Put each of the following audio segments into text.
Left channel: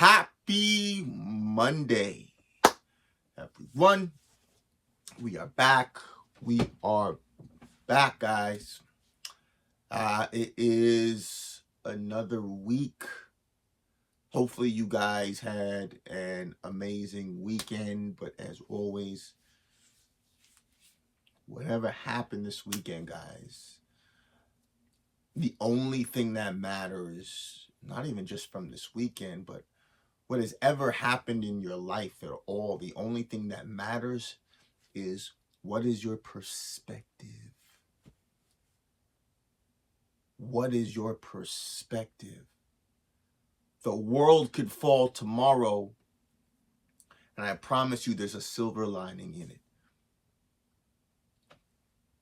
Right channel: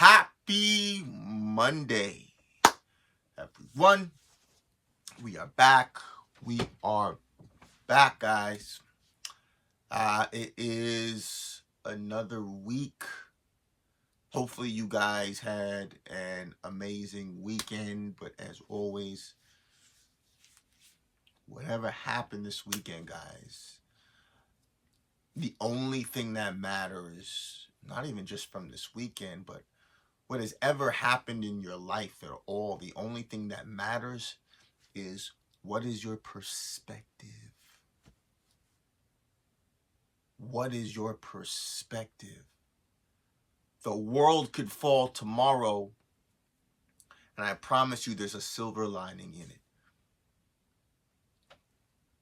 Happy Monday, everyone. We are back. We are back, guys. It is another week. Hopefully you guys had an amazing weekend, but as always, whatever happened this weekend, guys, the only thing that matters, not even just from this weekend, but what has ever happened in your life at all, the only thing that matters is what is your perspective? What is your perspective? The world could fall tomorrow, and I promise you there's a silver lining in it.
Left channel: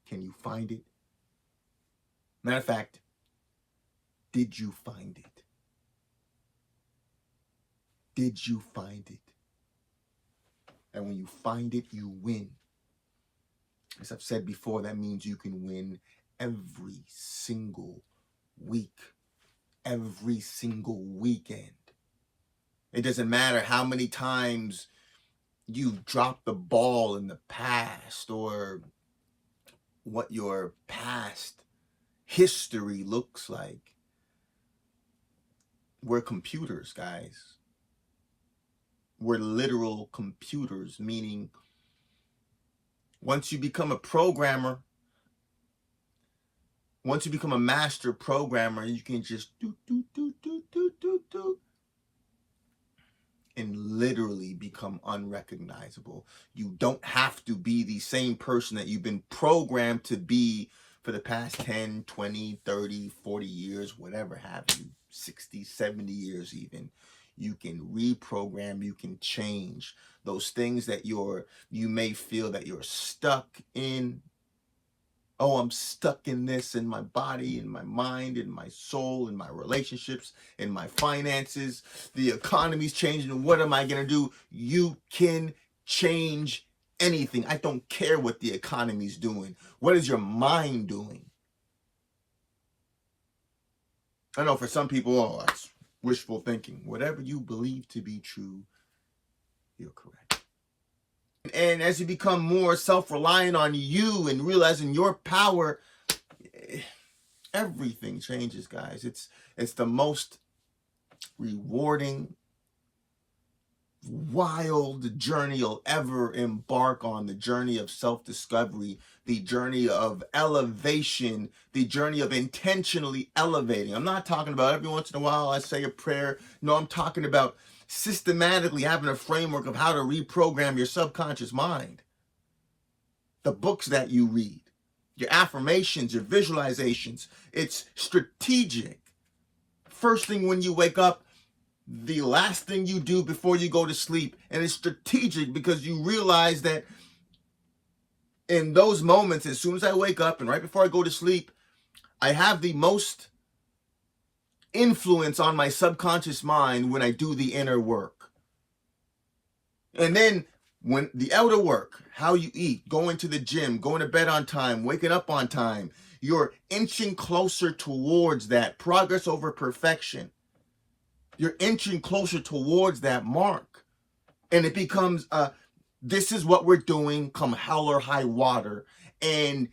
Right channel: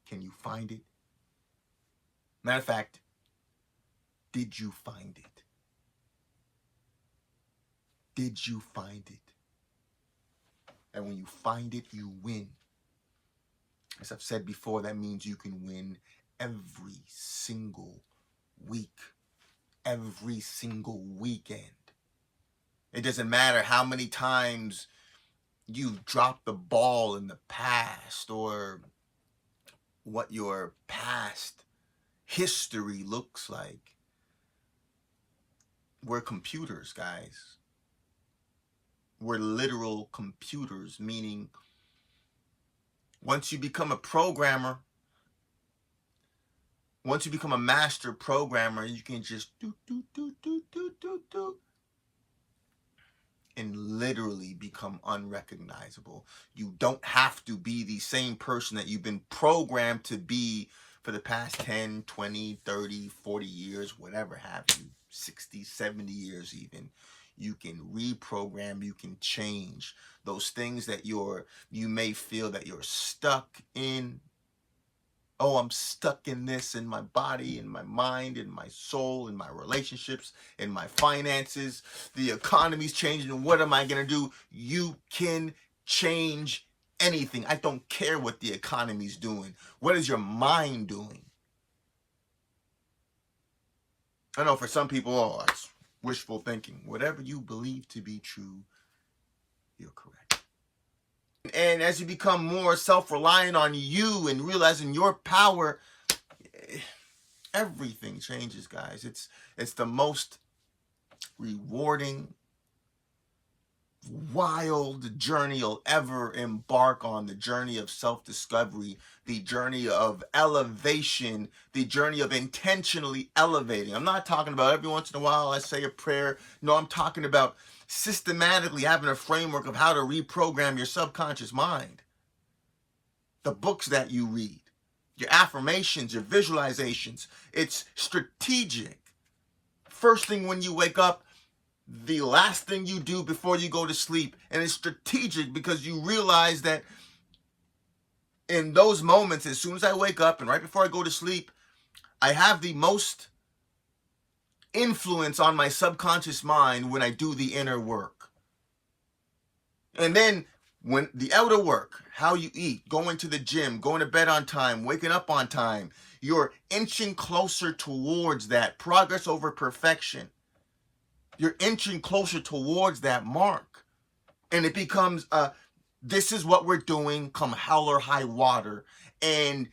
Can you find it? Matter of fact, did you find it? Did you find it? And when you find it, you win. As I've said before, that means you can win every single week, every single weekend. It doesn't matter how many times you've dropped the ball in the past or what your past history looks like. We're computers, guys. We're literal computers, meaning once you become a programmer, once you become a master programmer, you can just do, and literally become unrecognizable. You don't have to be the same person that you've been programmed to be for the past 10, 20, 30, 40 years, whatever have you, 60, 70 years even. You can reprogram, you can change those things that you may feel that you're stuck in. Oh, I'm stuck in this, in my body, in my mind, in my soul, in my relationships, in my finances. The economy's changing. What am I going to do? You can change anything. I don't care what the economy's doing. What is your mind doing? I know for some people, oh, that's wishful thinking. Whatever you believe to be true, you're correct. And as you become more self-reliant on you and realizing your power, everything changes, guys. It's the most rewarding, wild journey you'll ever embark on, the journey of self-discovery, the journey of elevation, the journey of intentionally elevating. I'm not talking about every once in a while I say a prayer. No, I'm talking about systematically having a framework of how to reprogram your subconscious mind. The books that you read, your affirmations, your visualizations, it's strategic. First thing when you wake up, the last thing you do before you go to sleep. And it's strategic because you realize that in those moments, as soon as I wake up and right before I go to sleep, I have the most influence on my subconscious mind when I do the inner work. And then when the outer work, how you eat, going to the gym, going to bed on time, waking up on time, you're inching closer towards that progress over perfection. You're inching closer towards that mark. And it becomes, this is what we're doing come hell or high water. And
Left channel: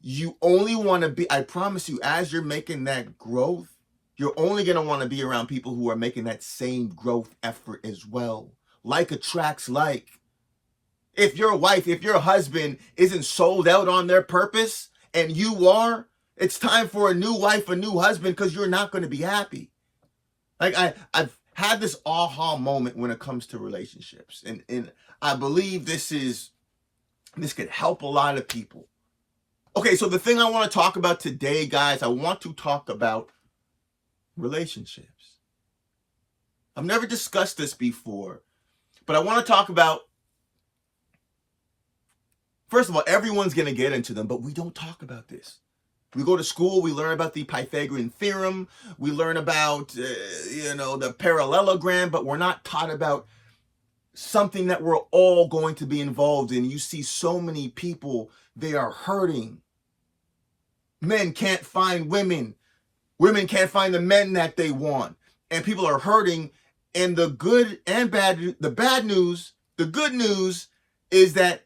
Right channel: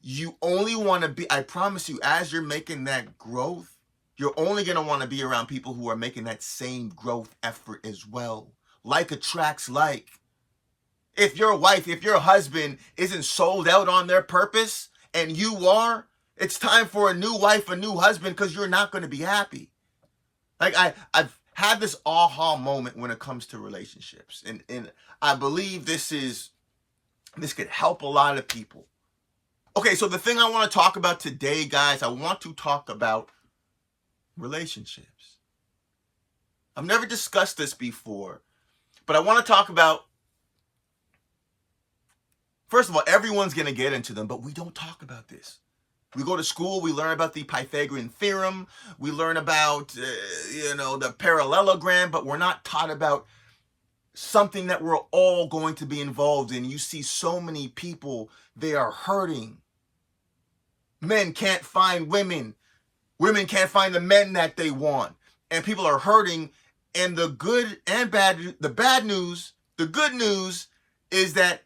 you only want to be, I promise you, as you're making that growth, you're only going to want to be around people who are making that same growth effort as well. Like attracts like. If your wife, if your husband isn't sold out on their purpose and you are, it's time for a new wife, a new husband, because you're not going to be happy. Like I've had this aha moment when it comes to relationships. And I believe this could help a lot of people. Okay, so the thing I want to talk about today, guys, I want to talk about relationships. I've never discussed this before, but I want to talk about, first of all, everyone's going to get into them, but we don't talk about this. We go to school, we learn about the Pythagorean theorem, we learn about, the parallelogram, but we're not taught about something that we're all going to be involved in. You see so many people, they are hurting. Men can't find women. Women can't find the men that they want. And people are hurting And the good and bad, the bad news, the good news is that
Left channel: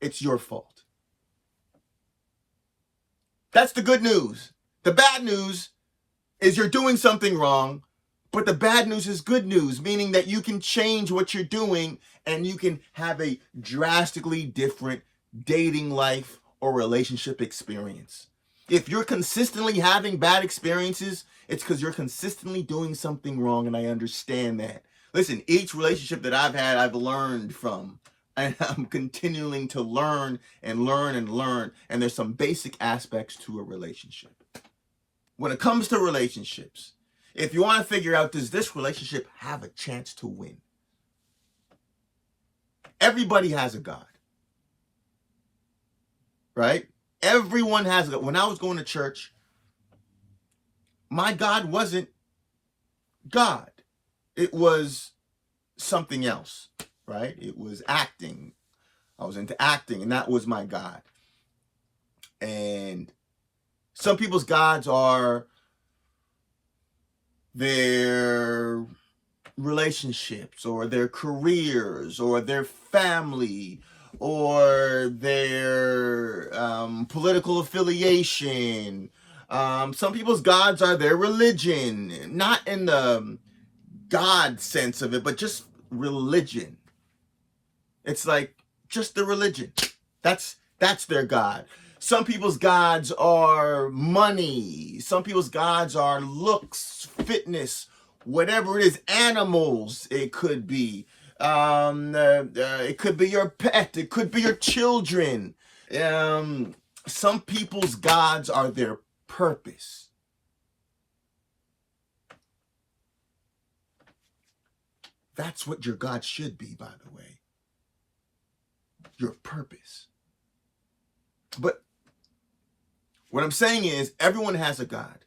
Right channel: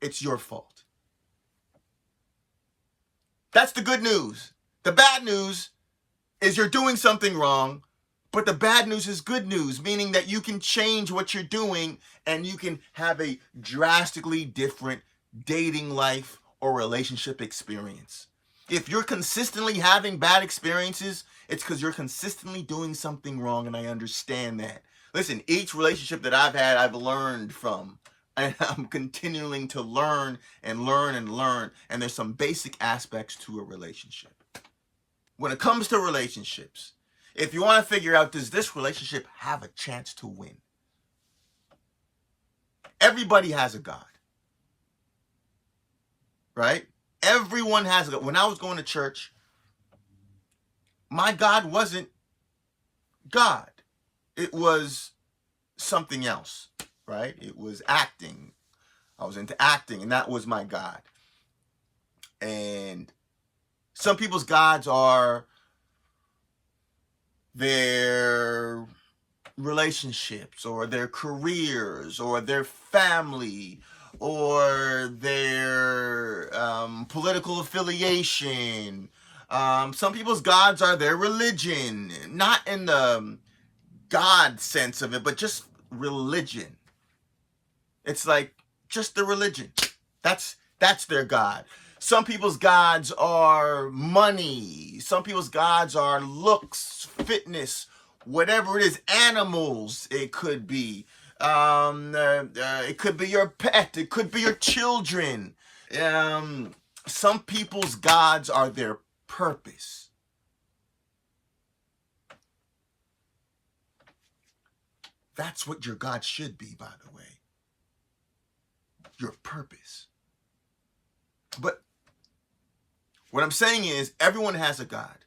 it's your fault. That's the good news. The bad news is you're doing something wrong, but the bad news is good news, meaning that you can change what you're doing and you can have a drastically different dating life or relationship experience. If you're consistently having bad experiences, it's because you're consistently doing something wrong, and I understand that. Listen, each relationship that I've had, I've learned from. And I'm continuing to learn and learn and learn. And there's some basic aspects to a relationship. When it comes to relationships, if you want to figure out, does this relationship have a chance to win? Everybody has a God. Right? Everyone has a God. When I was going to church, my God wasn't God. It was something else, right? It was acting. I was into acting, and that was my God. And some people's gods are their relationships or their careers or their family or their political affiliation. Some people's gods are their religion, not in the God sense of it, but just religion. It's like just the religion. That's their God. Some people's gods are money. Some people's gods are looks, fitness, whatever it is. Animals, it could be. It could be your pet. It could be your children. Some people's gods are their purpose. That's what your God should be, by the way. Your purpose. But what I'm saying is everyone has a God.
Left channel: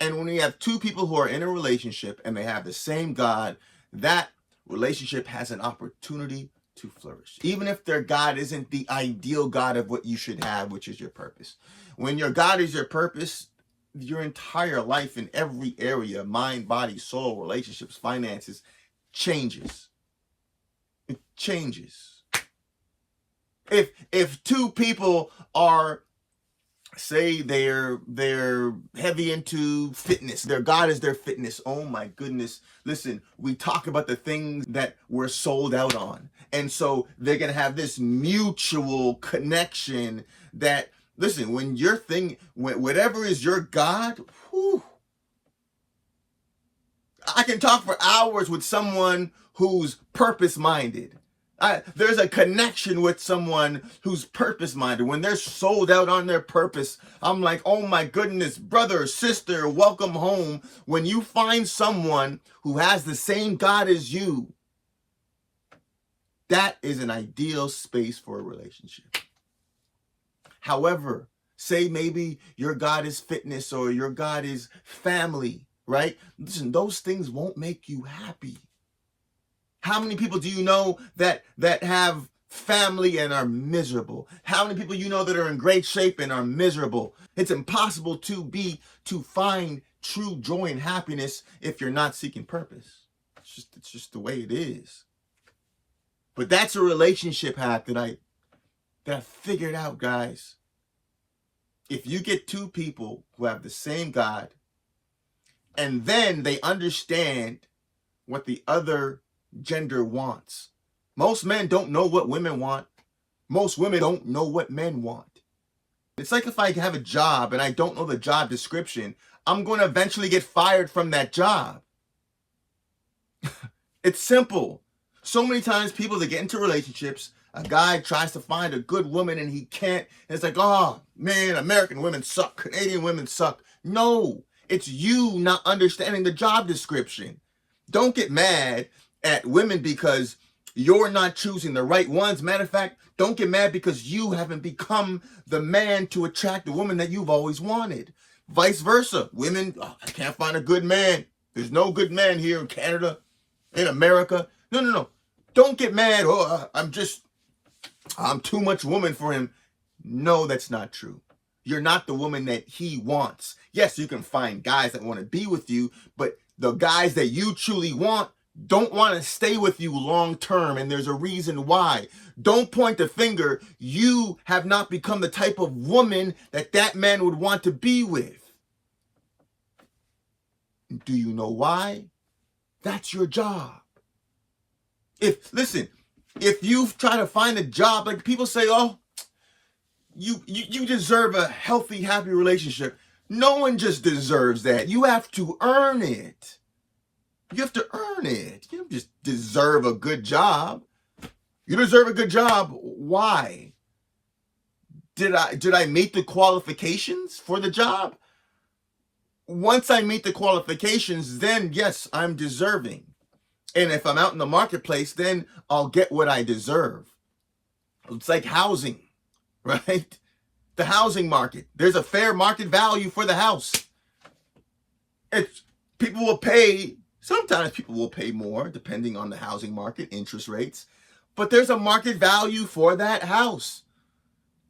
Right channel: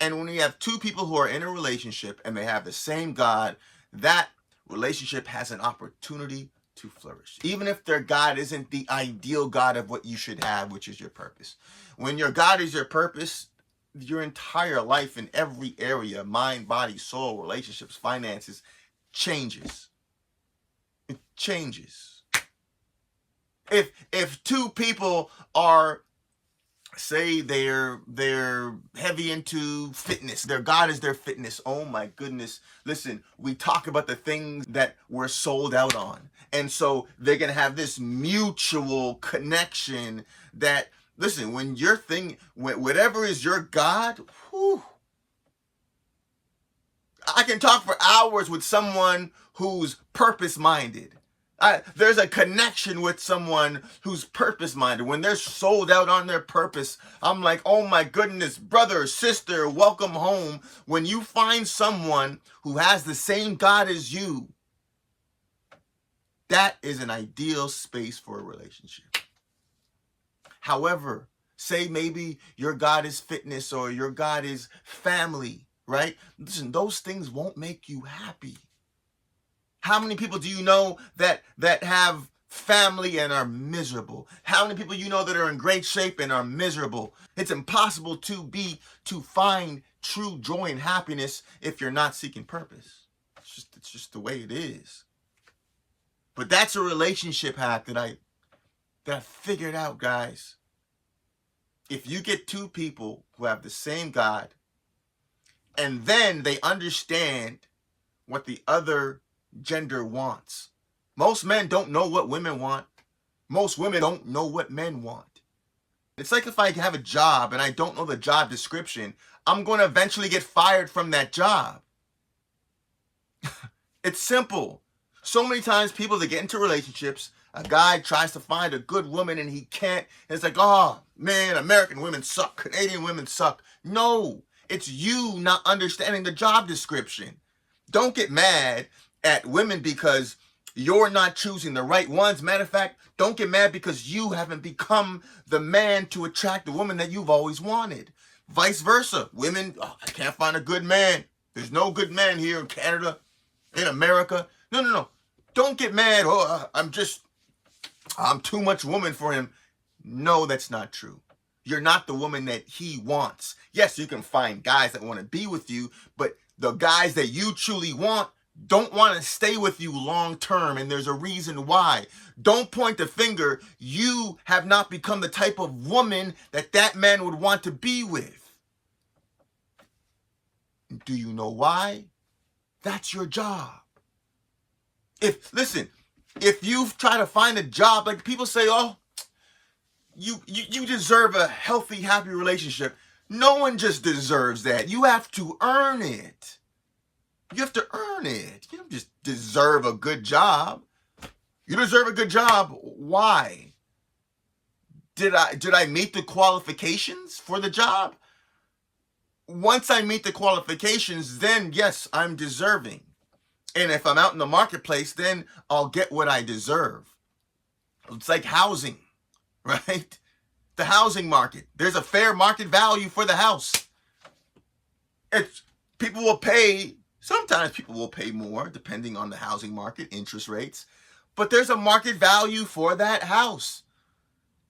And when you have two people who are in a relationship and they have the same God, that relationship has an opportunity to flourish. Even if their God isn't the ideal God of what you should have, which is your purpose. When your God is your purpose, your entire life in every area, mind, body, soul, relationships, finances, changes. It changes. If two people are, say they're heavy into fitness, their God is their fitness. Oh my goodness. Listen, we talk about the things that we're sold out on. And so they're going to have this mutual connection that, listen, when your thing, whatever is your God, whew, I can talk for hours with someone who's purpose-minded. There's a connection with someone who's purpose-minded. When they're sold out on their purpose, I'm like, oh my goodness, brother, sister, welcome home. When you find someone who has the same God as you, that is an ideal space for a relationship. However, say maybe your God is fitness or your God is family, right? Listen, those things won't make you happy. How many people do you know that have family and are miserable? How many people you know that are in great shape and are miserable? It's impossible to find true joy and happiness if you're not seeking purpose. It's just the way it is. But that's a relationship hack that I figured out, guys. If you get two people who have the same God, and then they understand what the other gender wants. Most men don't know what women want. Most women don't know what men want. It's like if I have a job and I don't know the job description, I'm going to eventually get fired from that job. It's simple. So many times people that get into relationships, a guy tries to find a good woman and he can't. And it's like, oh man, American women suck. Canadian women suck. No, it's you not understanding the job description. Don't get mad at women because you're not choosing the right ones. Matter of fact, don't get mad because you haven't become the man to attract the woman that you've always wanted. Vice versa. Women, oh, I can't find a good man. There's no good man here in Canada, in America. No. Don't get mad. Oh, I'm too much woman for him. No, that's not true. You're not the woman that he wants. Yes, you can find guys that want to be with you, but the guys that you truly want, don't want to stay with you long term, and there's a reason why. Don't point the finger. You have not become the type of woman that that man would want to be with. Do you know why? That's your job. Listen, if you try to find a job, like people say, oh, you deserve a healthy, happy relationship. No one just deserves that. You have to earn it. You have to earn it. You don't just deserve a good job. You deserve a good job. Why? Did I meet the qualifications for the job? Once I meet the qualifications, then yes, I'm deserving. And if I'm out in the marketplace, then I'll get what I deserve. It's like housing, right? The housing market. There's a fair market value for the house. People will pay, sometimes people will pay more depending on the housing market, interest rates. But there's a market value for that house.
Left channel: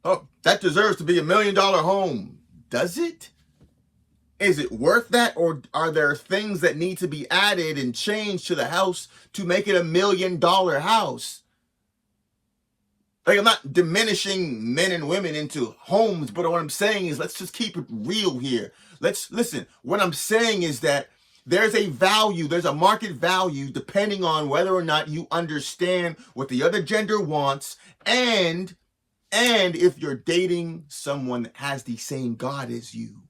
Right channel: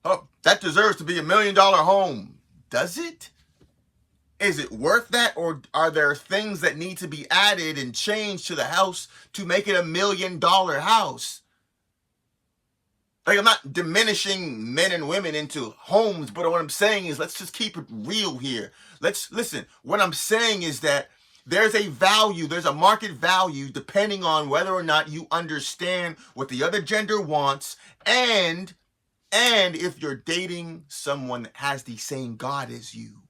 Oh, that deserves to be $1 million home. Does it? Is it worth that, or are there things that need to be added and changed to the house to make it $1 million house? Like, I'm not diminishing men and women into homes, but what I'm saying is, let's just keep it real here. Listen, what I'm saying is that there's a value, there's a market value depending on whether or not you understand what the other gender wants, and if you're dating someone that has the same God as you.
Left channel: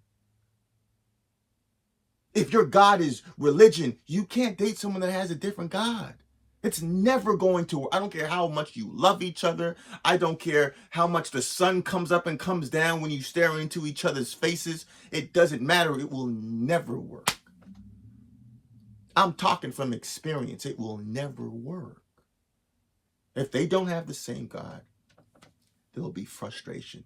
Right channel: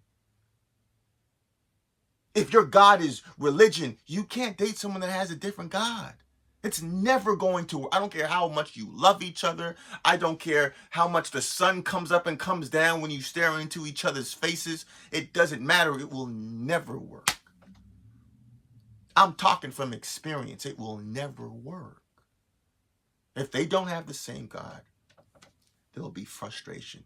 If your God is religion, you can't date someone that has a different God. It's never going to work. I don't care how much you love each other. I don't care how much the sun comes up and comes down when you stare into each other's faces. It doesn't matter. It will never work. I'm talking from experience. It will never work. If they don't have the same God, there will be frustration.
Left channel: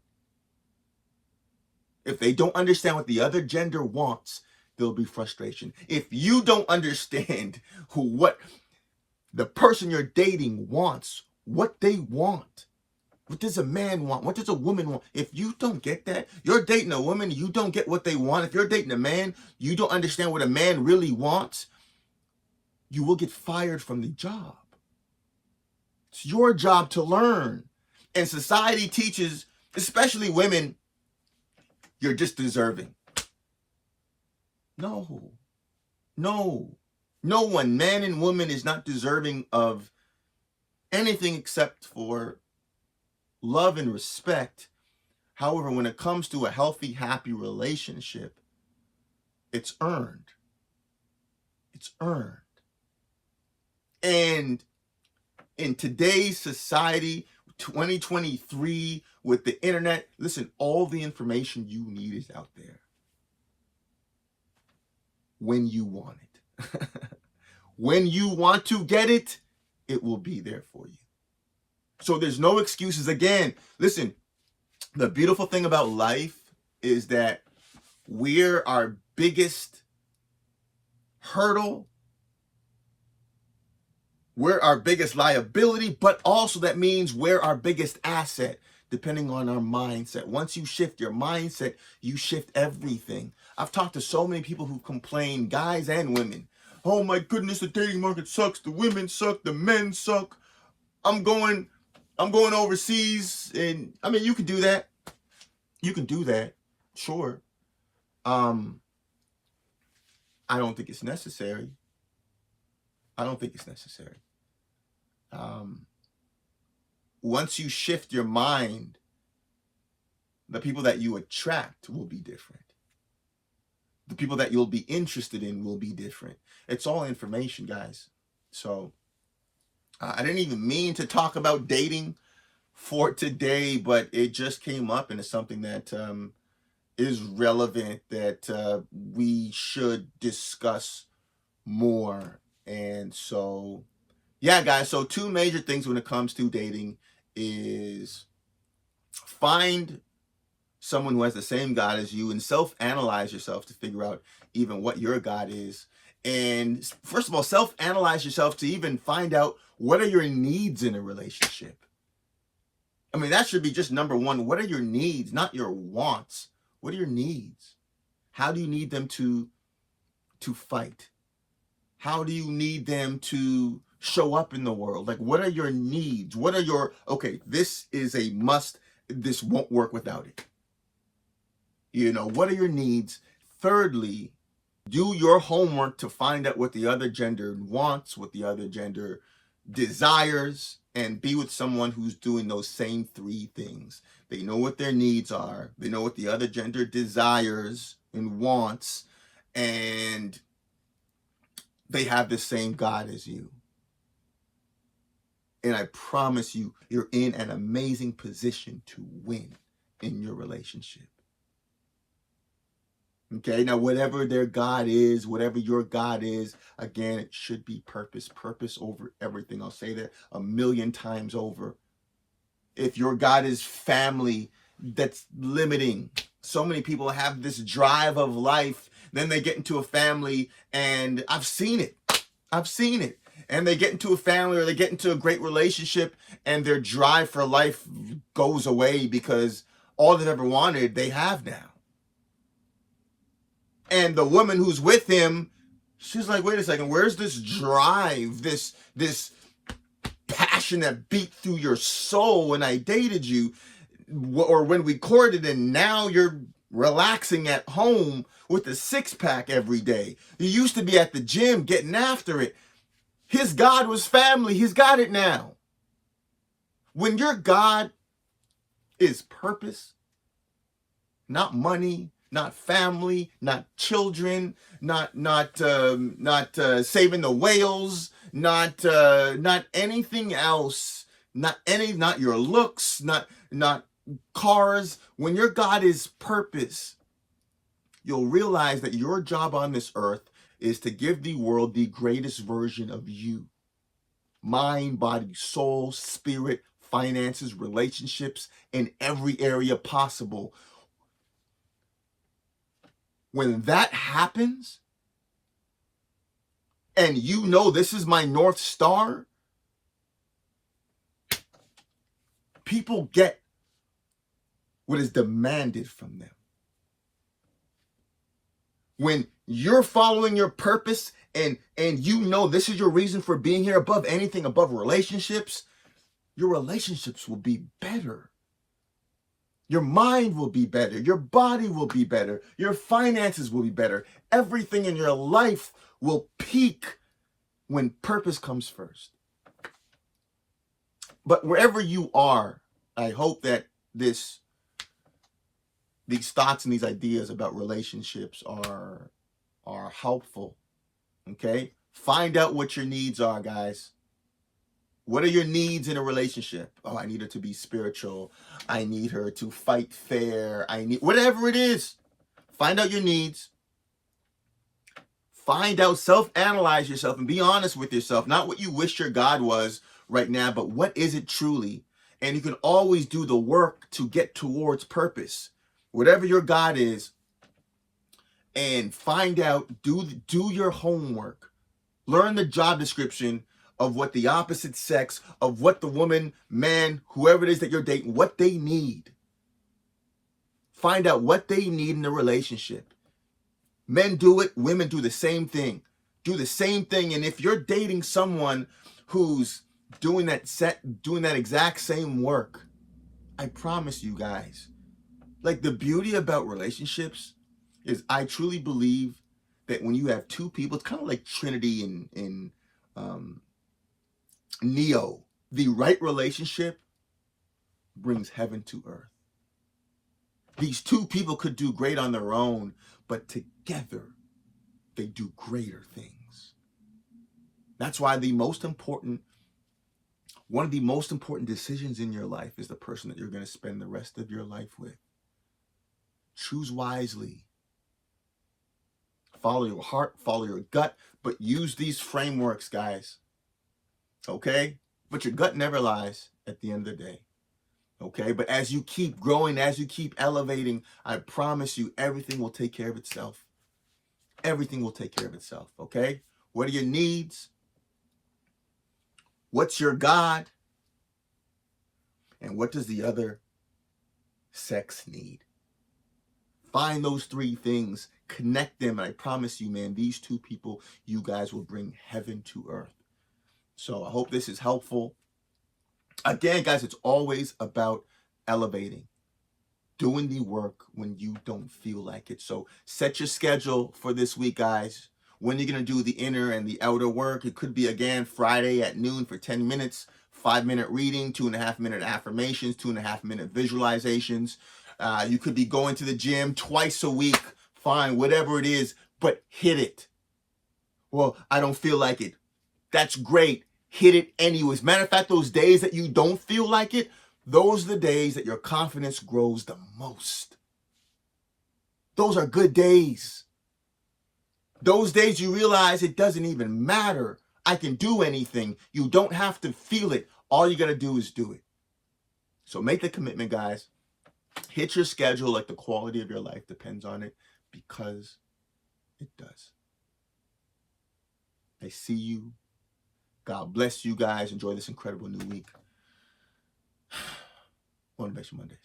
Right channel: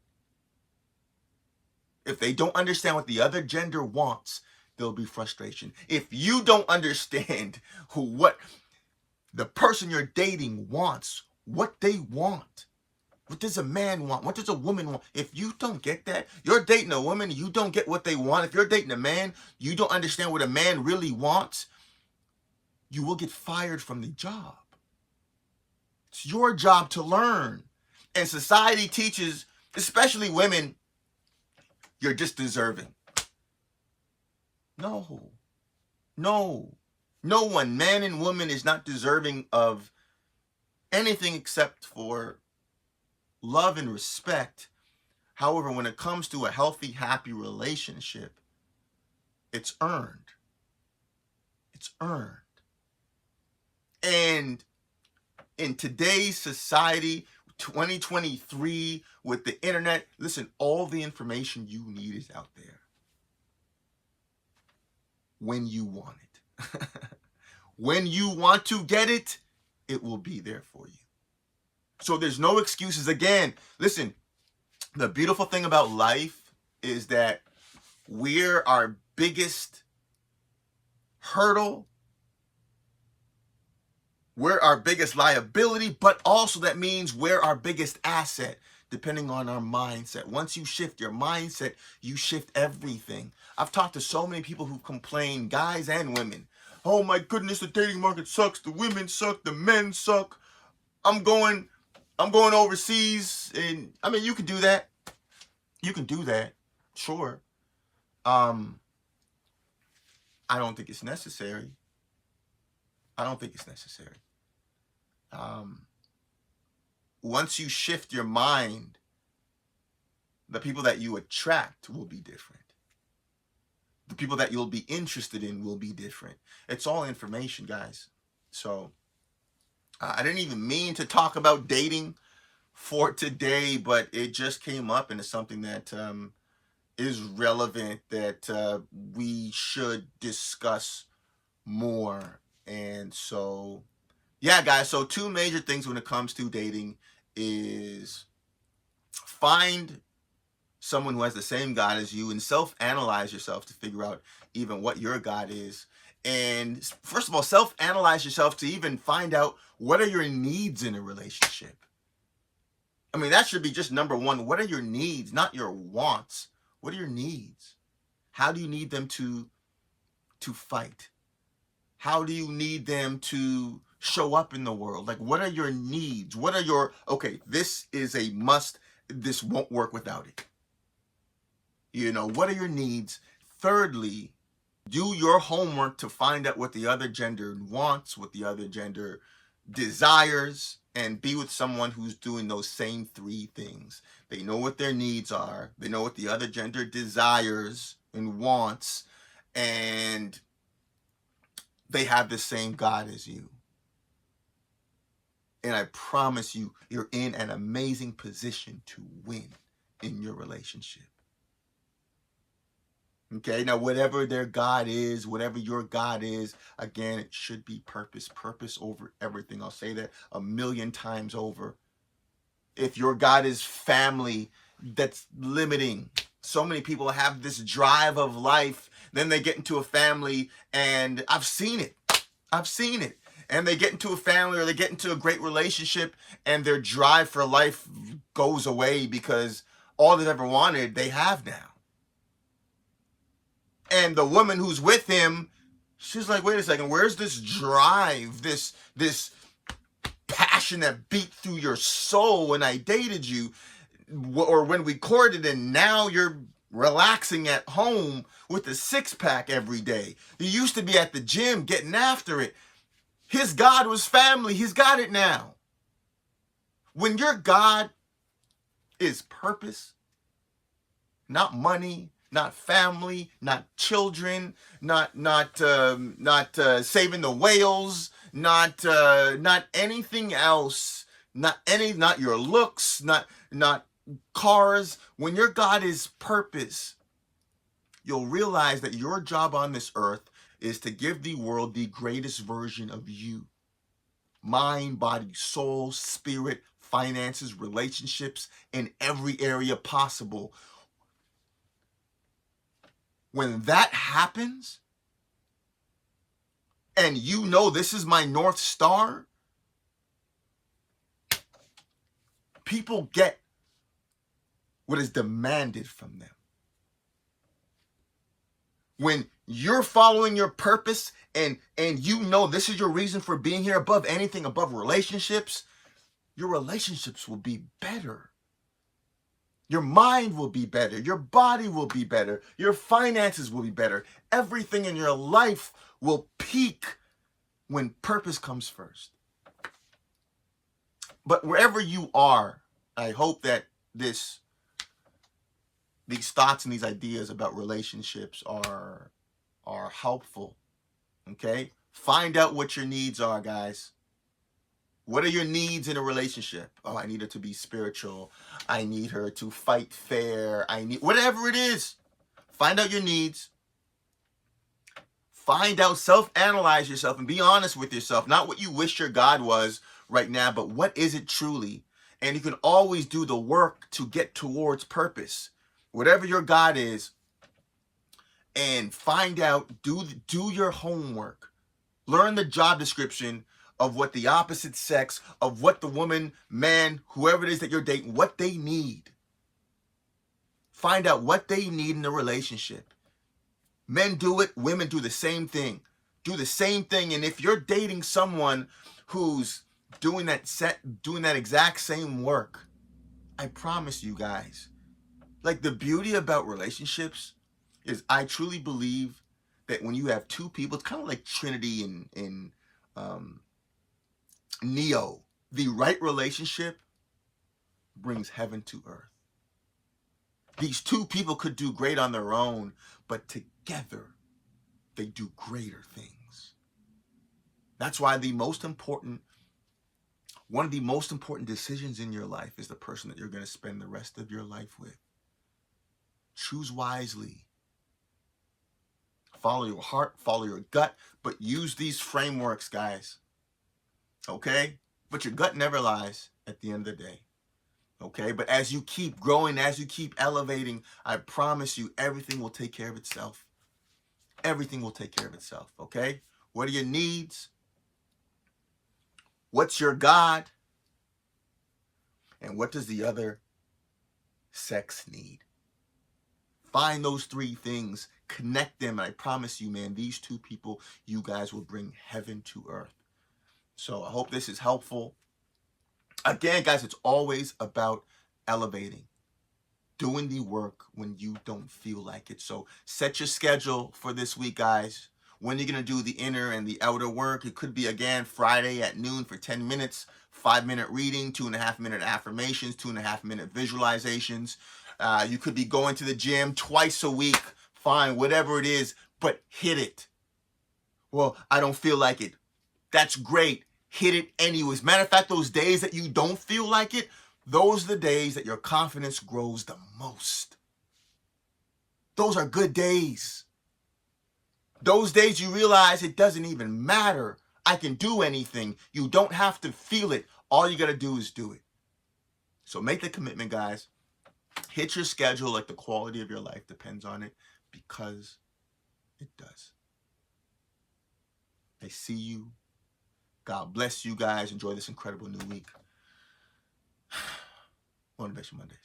If they don't understand what the other gender wants, there'll be frustration. If you don't understand what the person you're dating wants, what they want, what does a man want, what does a woman want, if you don't get that, you're dating a woman, you don't get what they want. If you're dating a man, you don't understand what a man really wants, you will get fired from the job. It's your job to learn. And society teaches, especially women, you're just deserving. No one, man and woman, is not deserving of anything except for love and respect. However, when it comes to a healthy, happy relationship, it's earned. It's earned. And in today's society, 2023, with the internet, listen, all the information you need is out there. When you want it. When you want to get it, it will be there for you. So there's no excuses. Again, listen, the beautiful thing about life is that we're our biggest hurdle. We're our biggest liability, but also that means we're our biggest asset, depending on our mindset. Once you shift your mindset, you shift everything. I've talked to so many people who complain, guys and women. Oh my goodness, the dating market sucks. The women suck. The men suck. I'm going overseas. And I mean, you can do that. You can do that. Sure. I don't think it's necessary. I don't think it's necessary. Once you shift your mind, the people that you attract will be different. The people that you'll be interested in will be different. It's all information, guys. So I didn't even mean to talk about dating for today, but it just came up, and it's something that is relevant, that we should discuss more. And so, yeah, guys, so 2 major things when it comes to dating is find someone who has the same God as you and self-analyze yourself to figure out even what your God is. And first of all, self-analyze yourself to even find out what are your needs in a relationship. I mean, that should be just number one. What are your needs, not your wants? What are your needs? How do you need them to fight? How do you need them to show up in the world? Like, what are your needs? What are your, okay, this is a must. This won't work without it. You know, what are your needs? Thirdly, do your homework to find out what the other gender wants, what the other gender desires, and be with someone who's doing those same three things. They know what their needs are, they know what the other gender desires and wants, and they have the same God as you. And I promise you, you're in an amazing position to win in your relationship. Okay, now whatever their God is, whatever your God is, again, it should be purpose. Purpose over everything. I'll say that a million times over. If your God is family, that's limiting. So many people have this drive of life, then they get into a family, and I've seen it. And they get into a family or they get into a great relationship, and their drive for life goes away because all they've ever wanted, they have now. And the woman who's with him, she's like, wait a second, where's this drive, this passion that beat through your soul when I dated you, or when we courted, and now you're relaxing at home with a six-pack every day. You used to be at the gym getting after it. His God was family. He's got it now. When your God is purpose, not money, not family, not children, not saving the whales, not anything else, not your looks, not cars. When your God is purpose, you'll realize that your job on this earth is to give the world the greatest version of you. Mind, body, soul, spirit, finances, relationships, in every area possible. When that happens, and you know this is my North Star, people get what is demanded from them. When you're following your purpose and you know this is your reason for being here, above anything, above relationships, your relationships will be better. Your mind will be better. Your body will be better. Your finances will be better. Everything in your life will peak when purpose comes first. But wherever you are, I hope that these thoughts and these ideas about relationships are helpful. Okay? Find out what your needs are, guys. What are your needs in a relationship? Oh, I need her to be spiritual. I need her to fight fair. I need whatever it is. Find out your needs. Find out, self-analyze yourself and be honest with yourself. Not what you wish your God was right now, but what is it truly? And you can always do the work to get towards purpose. Whatever your God is, and find out, do your homework. Learn the job description of what the opposite sex, of what the woman, man, whoever it is that you're dating, what they need. Find out what they need in a relationship. Men do it, women do the same thing. Do the same thing. And if you're dating someone who's doing that exact same work, I promise you guys, like, the beauty about relationships is I truly believe that when you have two people, it's kind of like Trinity in Neo. The right relationship brings heaven to earth. These two people could do great on their own, but together they do greater things. That's why one of the most important decisions in your life is the person that you're going to spend the rest of your life with. Choose wisely. Follow your heart, follow your gut, but use these frameworks, guys. Okay? But your gut never lies at the end of the day. Okay? But as you keep growing, as you keep elevating, I promise you everything will take care of itself. Everything will take care of itself. Okay? What are your needs? What's your God? And what does the other sex need? Find those three things, connect them, and I promise you, man, these two people, you guys will bring heaven to earth. So I hope this is helpful. Again, guys, it's always about elevating, doing the work when you don't feel like it. So set your schedule for this week, guys. When you're going to do the inner and the outer work. It could be, again, Friday at noon for 10 minutes, 5-minute reading, 2.5-minute affirmations, 2.5-minute visualizations. You could be going to the gym twice a week. Fine, whatever it is, but hit it. Well, I don't feel like it. That's great. Hit it anyways. Matter of fact, those days that you don't feel like it, those are the days that your confidence grows the most. Those are good days. Those days you realize it doesn't even matter. I can do anything. You don't have to feel it. All you got to do is do it. So make the commitment, guys. Hit your schedule like the quality of your life depends on it, because it does. I see you. God bless you guys. Enjoy this incredible new week. Motivation Mondays.